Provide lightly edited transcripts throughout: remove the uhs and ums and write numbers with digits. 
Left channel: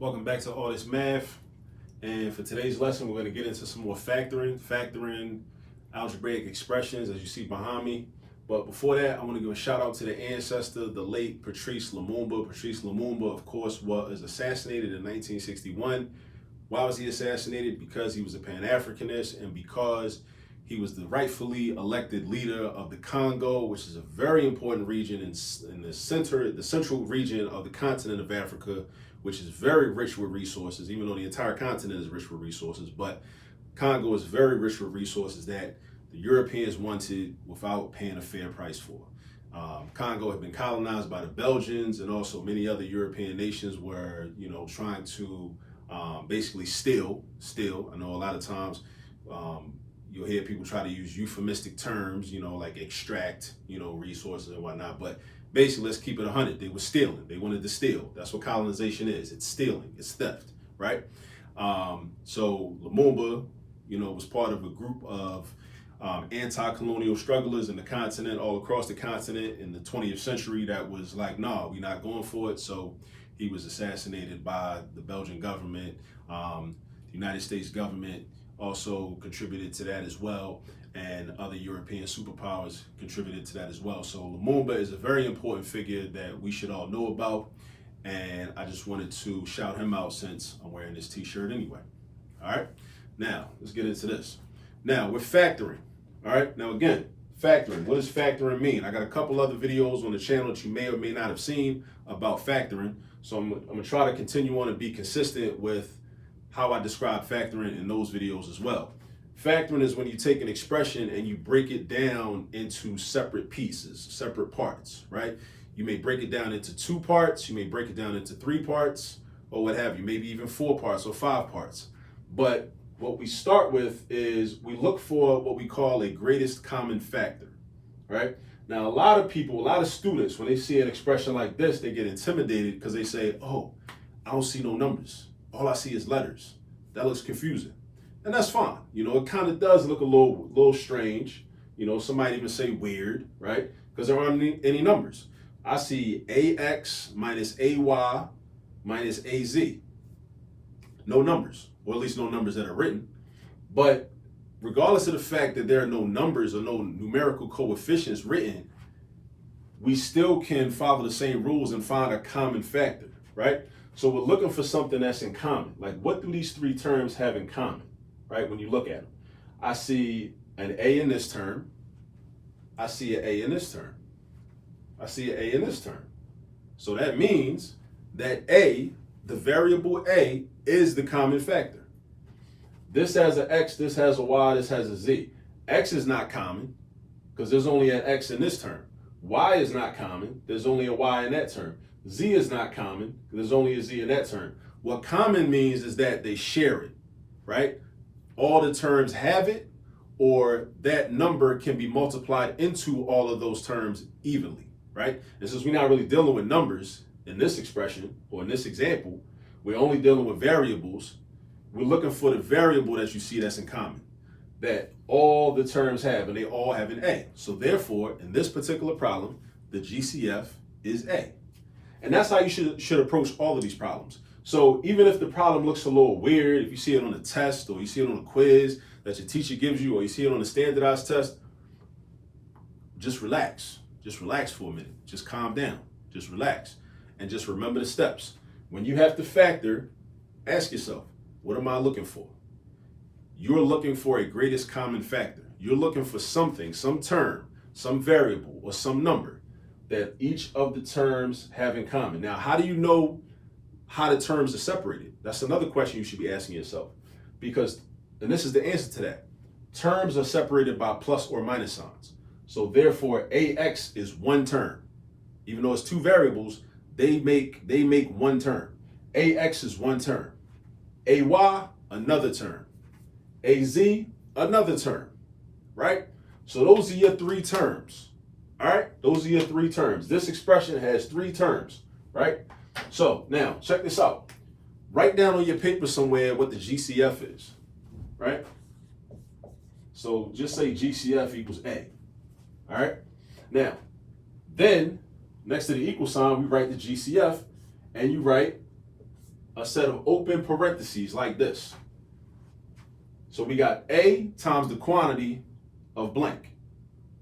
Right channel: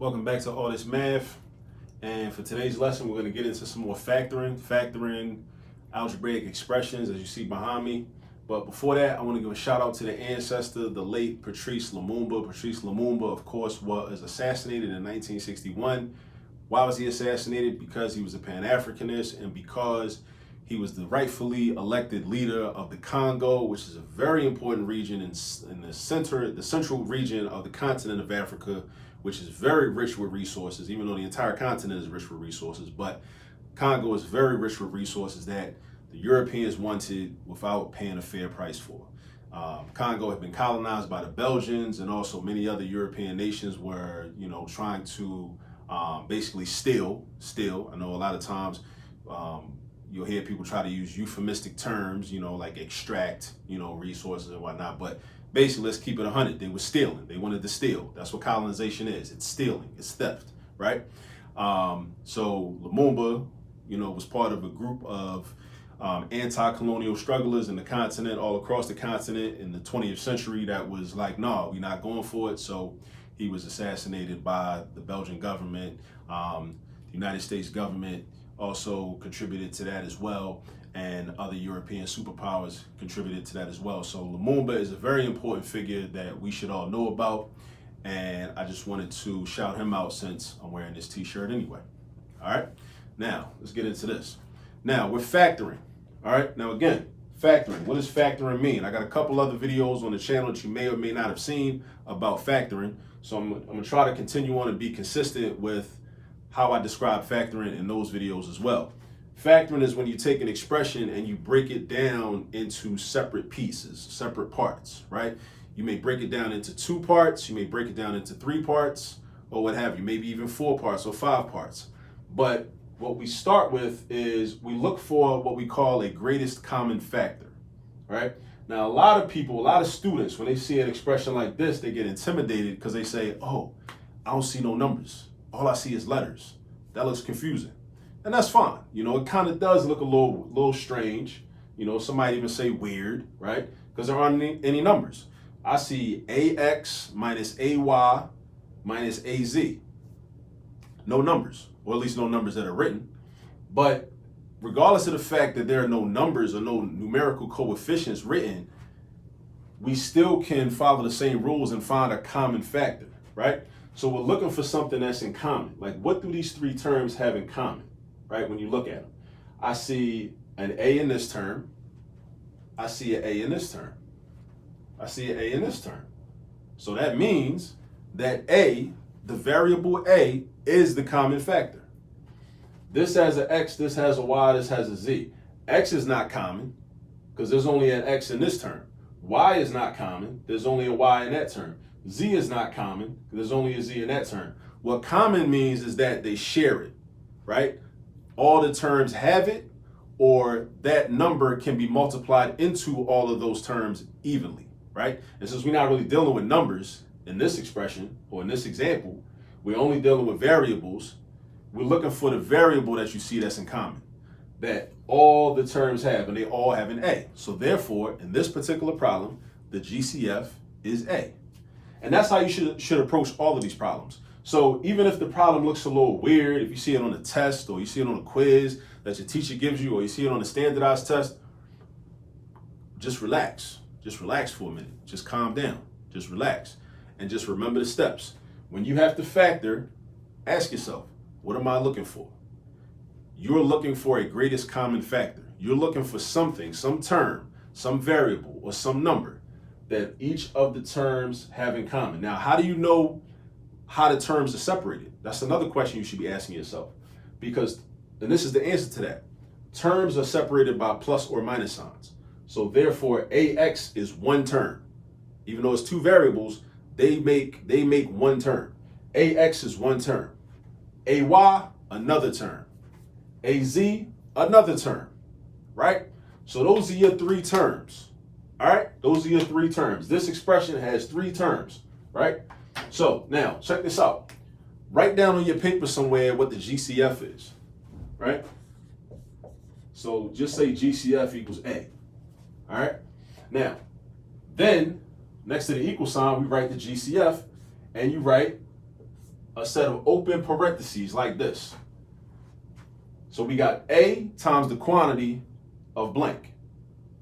Welcome back to All This Math. And for today's lesson, we're going to get into some more factoring algebraic expressions, as you see behind me. But before that, I want to give a shout out to the ancestor, the late Patrice Lumumba. Patrice Lumumba, of course, was assassinated in 1961. Why was he assassinated? Because he was a Pan-Africanist and because he was the rightfully elected leader of the Congo, which is a very important region in the central region of the continent of Africa, which is very rich with resources, even though the entire continent is rich with resources. But Congo is very rich with resources that the Europeans wanted without paying a fair price for. Congo had been colonized by the Belgians, and also many other European nations were, trying to basically steal. I know a lot of times you'll hear people try to use euphemistic terms, like extract, resources and whatnot. But basically, let's keep it 100. They were stealing. They wanted to steal. That's what colonization is. It's stealing. It's theft, right? So Lumumba, was part of a group of anti-colonial strugglers in the continent, all across the continent in the 20th century that was like, no, we're not going for it. So he was assassinated by the Belgian government. The United States government also contributed to that as well, and other European superpowers contributed to that as well. So Lumumba is a very important figure that we should all know about, and I just wanted to shout him out since I'm wearing this t-shirt anyway. All right, now let's get into this. Now we're factoring. All right, now again, factoring. What does factoring mean? I got a couple other videos on the channel that you may or may not have seen about factoring, so I'm gonna try to continue on and be consistent with how I describe factoring in those videos as well. Factoring is when you take an expression and you break it down into separate pieces, separate parts, right? You may break it down into 2 parts, you may break it down into 3 parts, or what have you, maybe even 4 parts or 5 parts. But what we start with is we look for what we call a greatest common factor, right? Now, a lot of people, a lot of students, when they see an expression like this, they get intimidated because they say, oh, I don't see no numbers. All I see is letters. That looks confusing. And that's fine. It kind of does look a little strange. Somebody even say weird, right? Because there aren't any numbers. I see AX minus AY minus AZ. No numbers, or at least no numbers that are written. But regardless of the fact that there are no numbers or no numerical coefficients written, we still can follow the same rules and find a common factor, right? So we're looking for something that's in common. Like, what do these 3 terms have in common, right? When you look at them, I see an A in this term. I see an A in this term. I see an A in this term. So that means that A, the variable A, is the common factor. This has an X, this has a Y, this has a Z. X is not common because there's only an X in this term. Y is not common. There's only a Y in that term. Z is not common. There's only a Z in that term. What common means is that they share it, right? All the terms have it, or that number can be multiplied into all of those terms evenly, right? And since we're not really dealing with numbers in this expression or in this example, we're only dealing with variables. We're looking for the variable that you see that's in common, that all the terms have, and they all have an A. So therefore, in this particular problem, the GCF is A. And that's how you should approach all of these problems. So even if the problem looks a little weird, if you see it on a test or you see it on a quiz that your teacher gives you, or you see it on a standardized test, just relax. Just relax for a minute. Just calm down. Just relax. And just remember the steps. When you have to factor, ask yourself, what am I looking for? You're looking for a greatest common factor. You're looking for something, some term, some variable, or some number that each of the terms have in common. Now, how do you know how the terms are separated? That's another question you should be asking yourself. And this is the answer to that. Terms are separated by plus or minus signs. So therefore, AX is one term. Even though it's 2 variables, they make one term. AX is one term. AY, another term. AZ, another term, right? So those are your 3 terms. All right, those are your 3 terms. This expression has 3 terms, right? So now check this out. Write down on your paper somewhere what the GCF is, right? So just say GCF equals A, all right? Now, then next to the equal sign, we write the GCF, and you write a set of open parentheses like this. So we got A times the quantity of blank,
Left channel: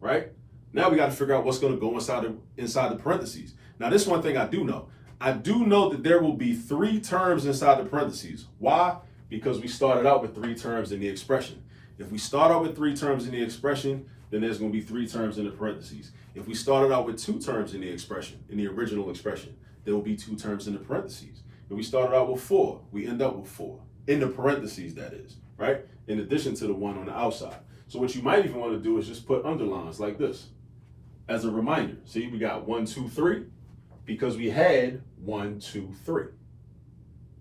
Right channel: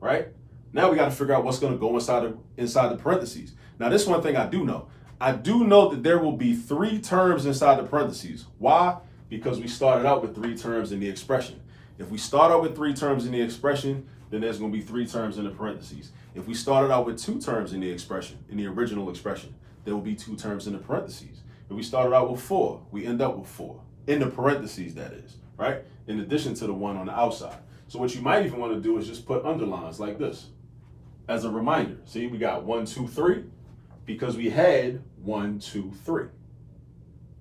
right? Now we got to figure out what's going to go inside the parentheses. Now, this one thing I do know. I do know that there will be 3 terms inside the parentheses. Why? Because we started out with 3 terms in the expression. If we start out with 3 terms in the expression, then there's going to be 3 terms in the parentheses. If we started out with 2 terms in the expression, in the original expression, there will be 2 terms in the parentheses. If we started out with 4, we end up with 4. In the parentheses, that is, right? In addition to the 1 on the outside. So what you might even want to do is just put underlines like this as a reminder. See, we got 1, 2, 3 because we had 1, 2, 3.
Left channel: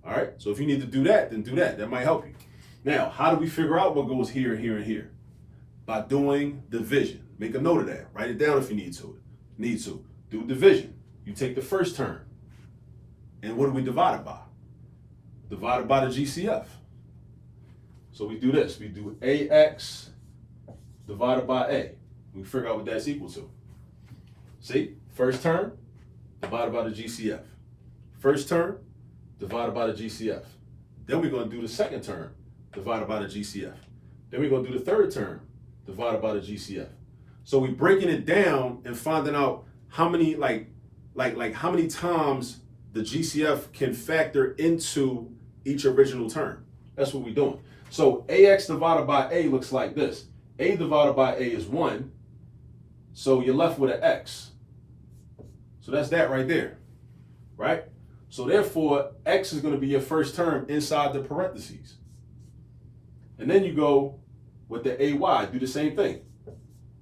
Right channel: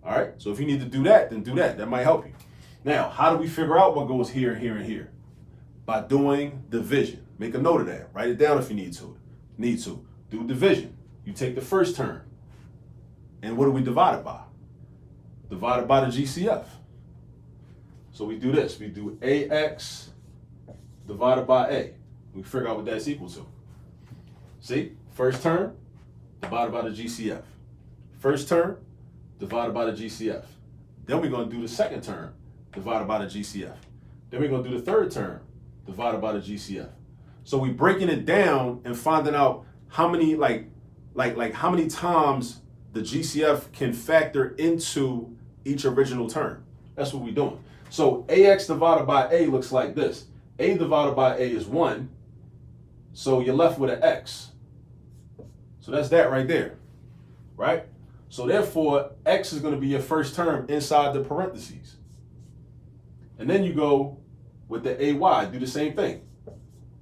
All right, so if you need to do that, then do that. That might help you. Now, how do we figure out what goes here, here, and here? By doing division. Make a note of that. Write it down if you need to. Do division. You take the first term. And what do we divide it by? Divided by the GCF. So we do this. We do AX divided by A. We figure out what that's equal to. See, first term divided by the GCF. First term divided by the GCF. Then we're going to do the second term divided by the GCF. Then we're going to do the third term divided by the GCF. So we're breaking it down and finding out how many how many times the GCF can factor into each original term. That's what we're doing. So AX divided by A looks like this. A divided by A is 1. So you're left with an X. So that's that right there, right? So therefore, X is going to be your first term inside the parentheses. And then you go with the AY, do the same thing.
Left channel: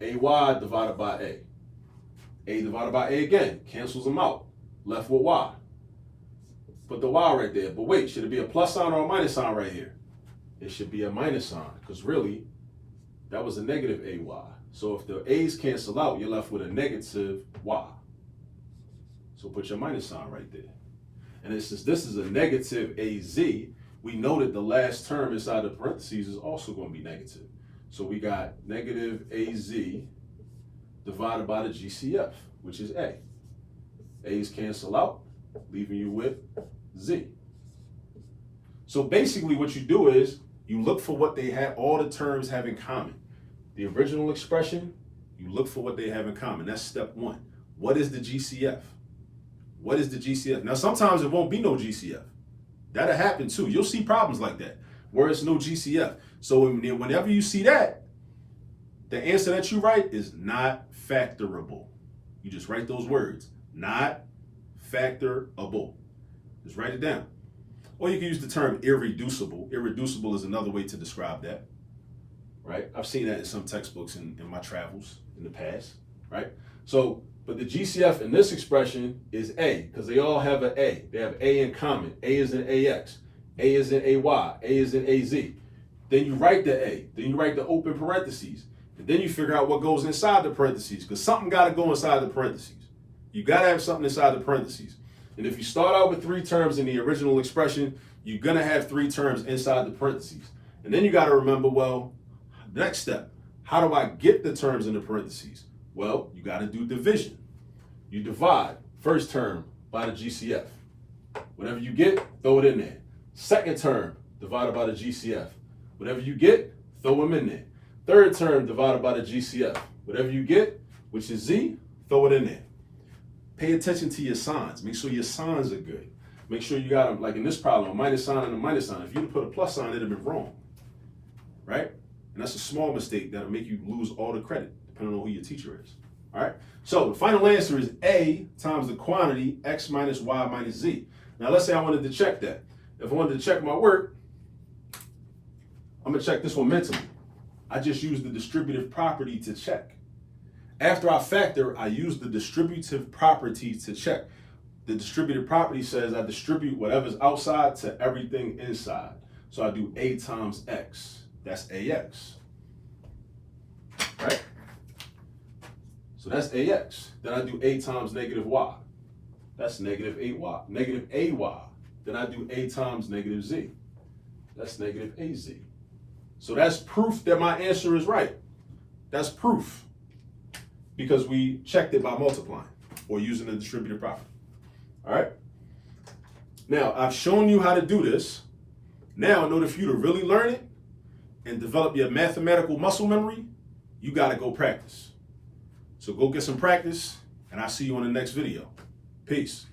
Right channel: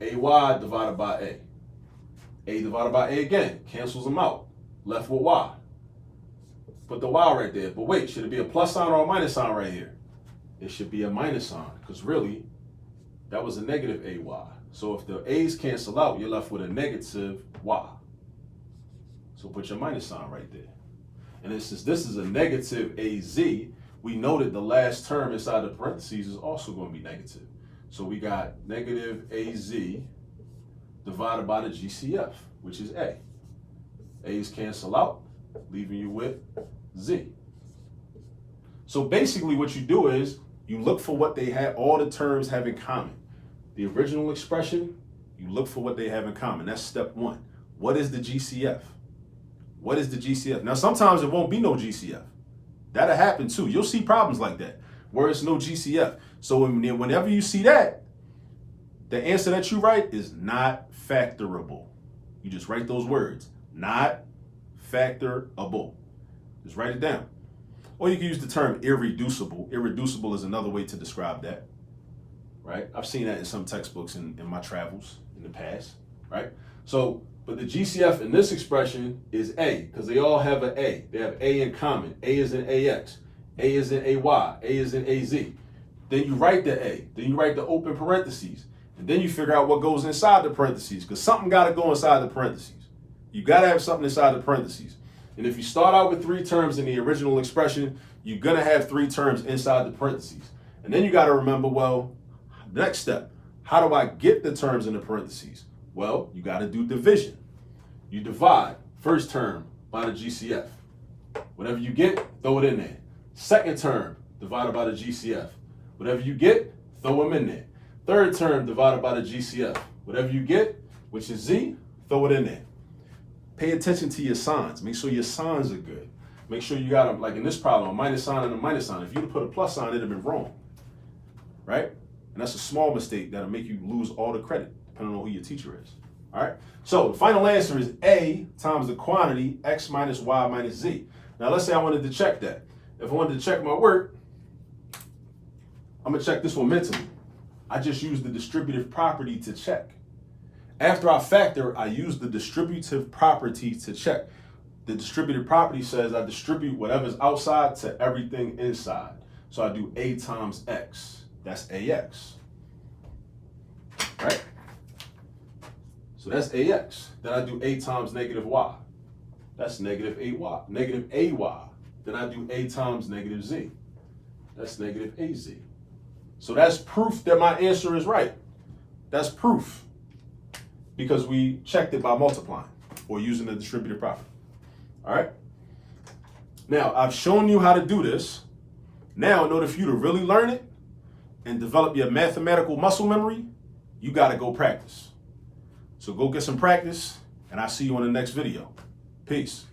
AY divided by A. A divided by A again, cancels them out. Left with Y. Put the Y right there. But wait, should it be a plus sign or a minus sign right here? It should be a minus sign, because really, that was a negative AY. So if the A's cancel out, you're left with a negative Y. So put your minus sign right there. And since this is a negative AZ, we know that the last term inside the parentheses is also going to be negative. So we got negative AZ divided by the GCF, which is A. A's cancel out, leaving you with Z. So basically what you do is you look for what they have, all the terms have in common. The original expression, you look for what they have in common. That's step 1. What is the GCF? What is the GCF? Now, sometimes it won't be no GCF. That'll happen too. You'll see problems like that where it's no GCF. So whenever you see that, the answer that you write is not factorable. You just write those words, not factorable. Just write it down. Or you can use the term irreducible. Irreducible is another way to describe that, right? I've seen that in some textbooks in my travels in the past, right? So, but the GCF in this expression is A, because they all have an A. They have A in common. A is in AX. A is in AY. A is in AZ. Then you write the A. Then you write the open parentheses. And then you figure out what goes inside the parentheses, because something got to go inside the parentheses. You got to have something inside the parentheses. And if you start out with 3 terms in the original expression, you're going to have 3 terms inside the parentheses. And then you got to remember, well, next step, how do I get the terms in the parentheses? Well, you got to do division. You divide first term by the GCF. Whatever you get, throw it in there. Second term divided by the GCF. Whatever you get, throw them in there. Third term divided by the GCF. Whatever you get, which is Z, throw it in there. Pay attention to your signs. Make sure your signs are good. Make sure you got them, like in this problem, a minus sign and a minus sign. If you put a plus sign, it'd have been wrong, right? And that's a small mistake that'll make you lose all the credit, depending on who your teacher is, all right? So the final answer is A times the quantity X minus Y minus Z. Now let's say I wanted to check that. If I wanted to check my work, I'm gonna check this one mentally. I just use the distributive property to check. After I factor, I use the distributive property to check. The distributive property says I distribute whatever's outside to everything inside. So I do A times X. That's AX, right? So that's AX. Then I do A times negative Y. That's negative AY. Negative AY. Then I do A times negative Z. That's negative AZ. So that's proof that my answer is right. That's proof, because we checked it by multiplying or using the distributive property. All right? Now, I've shown you how to do this. Now, in order for you to really learn it and develop your mathematical muscle memory, you got to go practice. So go get some practice, and I'll see you on the next video. Peace.